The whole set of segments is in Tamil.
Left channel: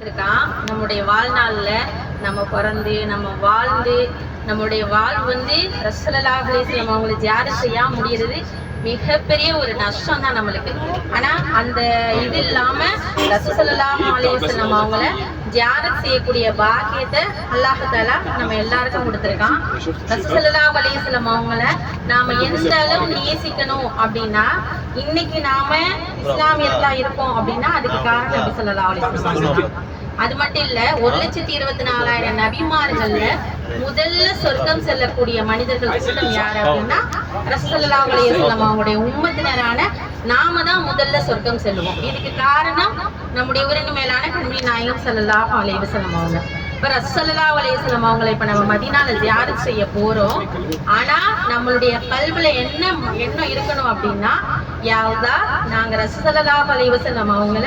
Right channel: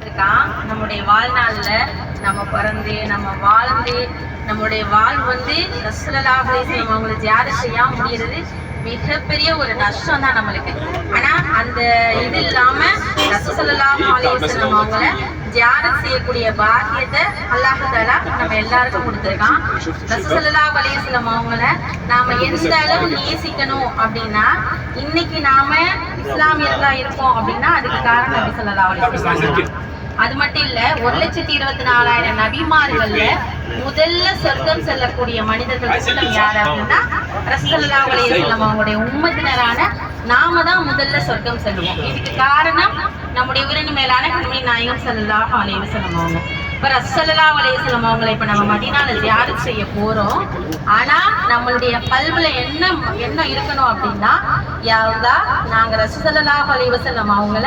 நம்முடைய வாழ்நாள்ல நம்ம பிறந்து நம்ம வாழ்ந்து நம்முடைய வாழ்வு வந்து ரசூலுல்லாஹி அலைஹி வஸல்லம் அவங்களை ஜியாரத் செய்யாம முடியறது மிகப்பெரிய ஒரு நஷ்டம் தான் நம்மளுக்கு. ஆனா அந்த இது இல்லாம ரசூலுல்லாஹி அலைஹி வஸல்லம் அவங்களை ஜியாரத் செய்யக்கூடிய பாக்கியத்தை அல்லாஹ் தஆலா நம்ம எல்லாருக்கும் கொடுத்துருக்கான். ரசூலுல்லாஹி அலைஹி வஸல்லம் அவங்களை நாம எந்த அளவு நேசிக்கணும் அப்படின்னா, இன்னைக்கு நாம இஸ்லாமியர்களா இருக்கோம் அப்படின்னா அதுக்கு காரணம் நபி ஸல்லல்லாஹு அலைஹி வஸல்லம். அது மட்டும் இல்ல, 1,24,000 நபிமார்கள்ல முதல்ல சொர்க்கம் செல்லக்கூடிய மனிதர்கள் கூட்டம் யாரு அப்படின்னா ரசூலுல்லாஹி அலைஹி வஸல்லம் அவங்களுடைய உம்மத்தினரான நாம தான் முதல்ல சொர்க்கம் செல்லுவோம். இதுக்கு காரணம் நம்முடைய உரிமை மேலான கண்மணி நாயகம் ஸல்லல்லாஹு அலைஹி வஸல்லம் அவங்க. இப்ப ரசூலுல்லாஹி அலைஹி வஸல்லம் அவங்களை இப்ப நம்ம மதீனால ஜியாரத் செய்ய போறோம். ஆனா நம்மளுடைய கல்வில என்ன இருக்கணும் அப்படின்னா, யா அல்லாஹ் நாங்க ரசூலுல்லாஹி அலைஹி வஸல்லம் அவங்கள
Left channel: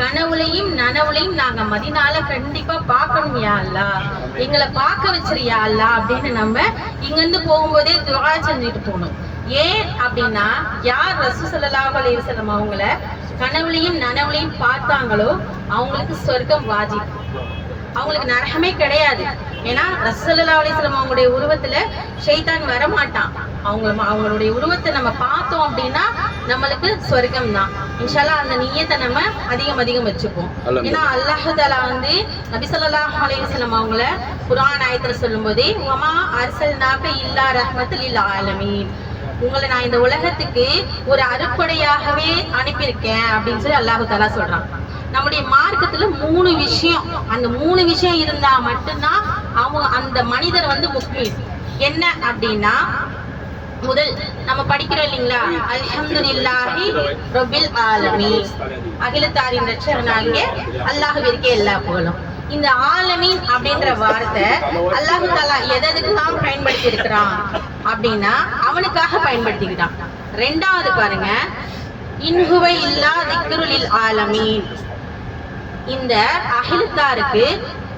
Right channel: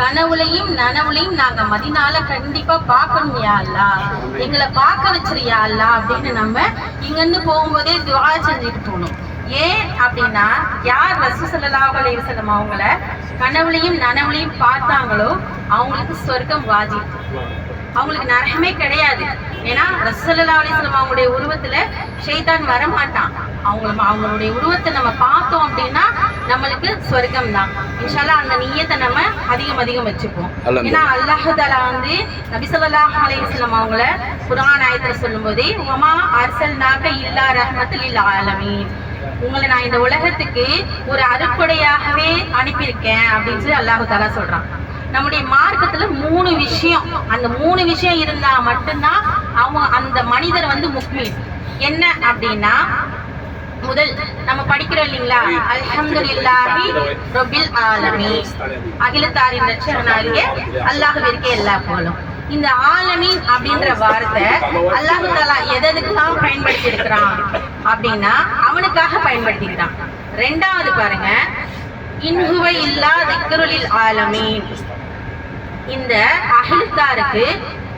கனவுலையும் நனவுலையும் நாங்க மதீனால கண்டிப்பா பார்க்கணும் யா அல்லாஹ், எங்களை பார்க்க வச்சிருயா அல்லாஹ் அப்படின்னு நம்ம இங்கிருந்து போகும்போதே துஆ செஞ்சுட்டு போகணும். ஏன் அப்படின்னா, யார் ரசூலுல்லாஹி அலைஹி வஸல்லம் அவங்கள கனவுலையும் நனவுலையும் பார்த்தாங்களோ அவங்களுக்கு சொர்க்கம் வாஜிப், அவங்களுக்கு நரகமே கிடையாது. ஏன்னா ரசூலுல்லாஹி அலைஹி வஸல்லம் அவங்களுடைய உருவத்துல ஷைத்தான் வரமாட்டான். அவங்களுடைய உருவத்தை நம்ம பார்த்தோம் அப்படின்னா நம்மளுக்கு சொர்க்கம் தான். இன்ஷா அல்லாஹ் அந்த நியத்தை நம்ம அதிகம் வச்சுப்போம். ஏன்னா அல்லாஹ் தஆலா வந்து நபி ஸல்லல்லாஹு அலைஹி வஸல்லம் அவங்கள குர்ஆன் ஆயத்துல சொல்லும்போது வமா அர்சல்நாக இல்லா ரஹ்மத்துல் லில் ஆலமீன், உங்களை நான் இந்த உலகத்துக்கு ஒரு அருட்கொடையாகவே அனுப்பியிருக்கேன் அப்படின்னு சொல்லி அல்லாஹ் தஆலா சொல்றான். நம்முடைய மார்க்கத்துல 3 விஷயம், அந்த 3 விஷயம் இருந்தா மட்டும்தான் அந்த மனிதர் வந்து முஸ்லிம். என்ன அப்படின்னா, முதல் நம்ம படிக்கிறோம் இல்லைங்களா, அல்ஹம்துலில்லாஹி ரப்பில் ஆலமீன், அகிலத்தாரின் ரட்சகனாகிய அல்லாஹ்விற்கே எல்லா புகழும். இந்த ஆலமீன் அப்படின்ற வார்த்தை அல்லாஹ் தஆலா எதுக்கெல்லாம் பயன்படுத்தி இருக்கிறான் அப்படின்னா அவனுக்காக பயன்படுத்திக்கிட்டான். ரெண்டாவது பாருங்க, இன்ஹுவ இல்லா திக்ருலில் ஆலமீன், இந்த அகிலத்தாருக்கு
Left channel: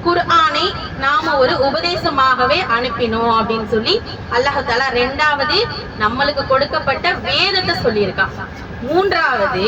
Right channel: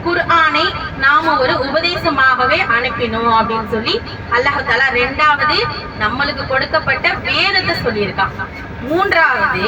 குர்ஆனை நாம ஒரு உபதேசமாகவே அனுப்பினோம் அப்படின்னு சொல்லி அல்லாஹ் தஆலா ரெண்டாவது நம்மளுக்கு கொடுக்கப்பட்ட வேதத்தை சொல்லியிருக்கான். மூன்றாவது